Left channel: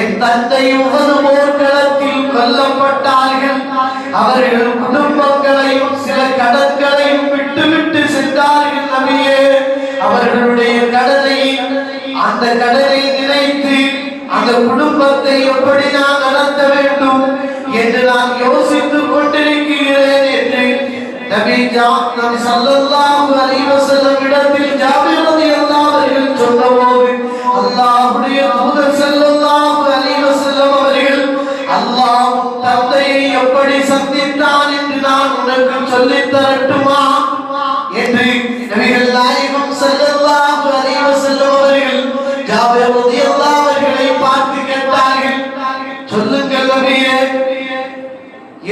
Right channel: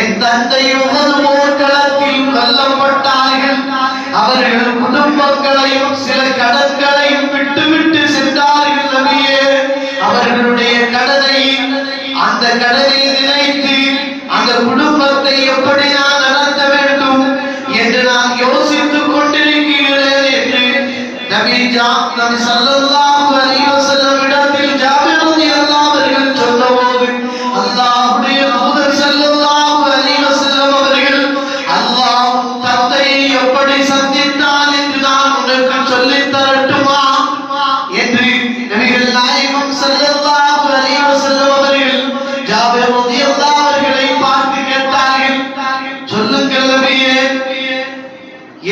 என் தந்தை உகது போர்க்களத்தில் கொல்லப்பட்டார்கள். அவர்கள் குடும்பங்களையும் சில கடன்களையும் விட்டு சென்றார்கள். நபியே, அவர்களுடைய கடனை அந்த கடனை நினைத்து அந்த குடும்பத்தை எப்படி நான் நடத்த வேண்டும் என்று நான் யோசித்துக் கொண்டிருக்கிறேன் என்று நபி ஸல்லல்லாஹு அலைஹி வஸல்லம் இடத்தில் ஜாபிர் ரலியல்லாஹு அவர்கள் சொன்னபோது அல்லாஹ்வுடைய தூதர் ஸல்லல்லாஹு அலைஹி வஸல்லம் அவர்கள் அல்லாஹ் தந்தையை எப்படி சந்தித்தான் என்று நான் உனக்கு சொல்லித் தரட்டுமா என்று நபிகள் நாயகம் ஸல்லல்லாஹு அலைஹி வஸல்லம் அவர்கள் ஜாபிர் ரலியல்லாஹு அவர்களை பார்த்து கேட்டார்கள். சொல்லுங்கள் நபியே,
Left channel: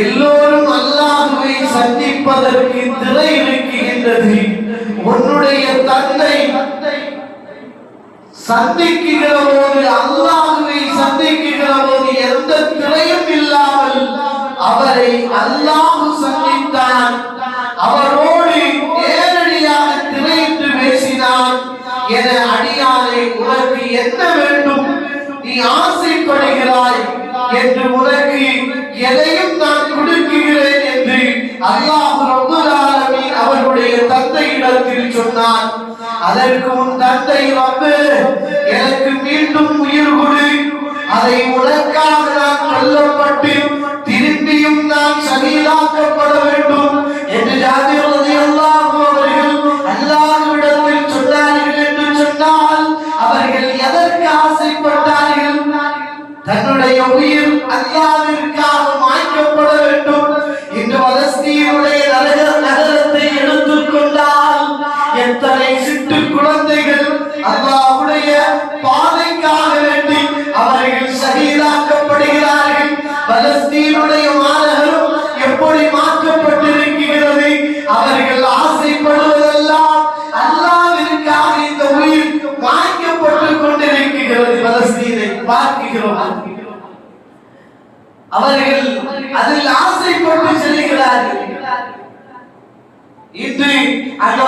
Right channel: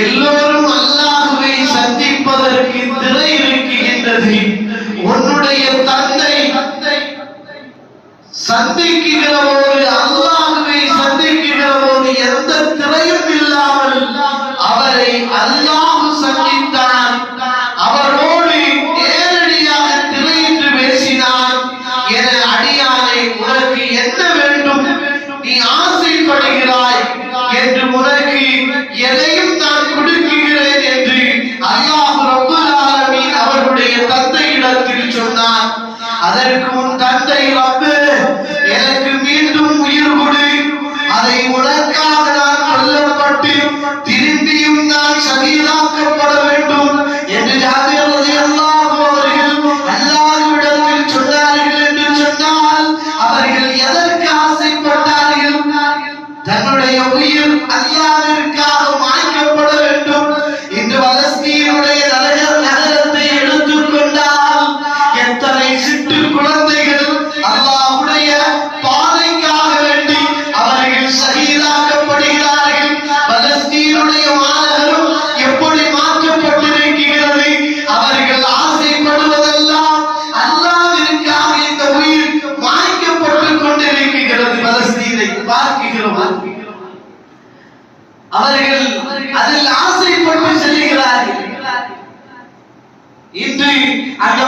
எல்லோரும் அல்லாஹ்வை சந்திப்பதற்கு திரை இருக்கின்றது. உன்னுடைய தந்தை சந்திக்கிற போது, அல்லாஹ்வை சந்திக்கிற போது எந்த திரையும் இல்லாமல் அவரை அல்லாஹ் சந்தித்தான். அவரோடு நேரடியாக திரையிட்டு பேசினான். என அடியானை, உனக்கு என்ன வேண்டும், நீ ஆசைப்படுகிறாய் என்று உனக்கு எதையும் நான் கொடுக்கிறேன் என்று அல்லாஹ் ரப்பல் ஆலமீன் அவருடைய தந்தையிடத்தில் சொன்னான். அதற்கு உன் தந்தை, ரப்பே, எனக்கு மீண்டும் உயிர் கொடு, அதை உனக்காக நான் கொல்லப்பட்டு திரும்பியும் நான் ஷஹீதாக்கப்பட வேண்டும் என்று ஜாபிர் ரலியல்லாஹு அவர்கள் அல்லாஹ்விடத்தில் சொன்னார்கள். என்று சொன்னால் அவர்கள் எதற்கு ஆசைப்பட்டார்கள்? தன்னுடைய உயிர் அல்லாஹ்விற்காக மாய்க்கப்பட வேண்டும். இன்று பலஸ்தீனுடைய நகரத்தை எடுத்துக்கொண்டால் எத்தனை சிட்டு குழந்தைகள் அல்லாஹ்வுடைய பாதைக்காக வேண்டி அவர்கள் ஷஹீதாக்கப்படுகிறார்கள். பலஸ்தீனுடைய மாநகரம் எப்படி மாற்றப்பட்டிருக்கிறது? அவர்கள் ஆசைப்படுவதெல்லாம் அல்லாஹ்விற்காக இந்த உயிர் மாய்க்கப்பட்டுக் கொண்டிருக்கிறது. பலஸ்தீனை பார்க்கிறோம். அவர்கள் அதில் ஆசைப்பட்டு செல்கிறார்கள். இன்று அந்த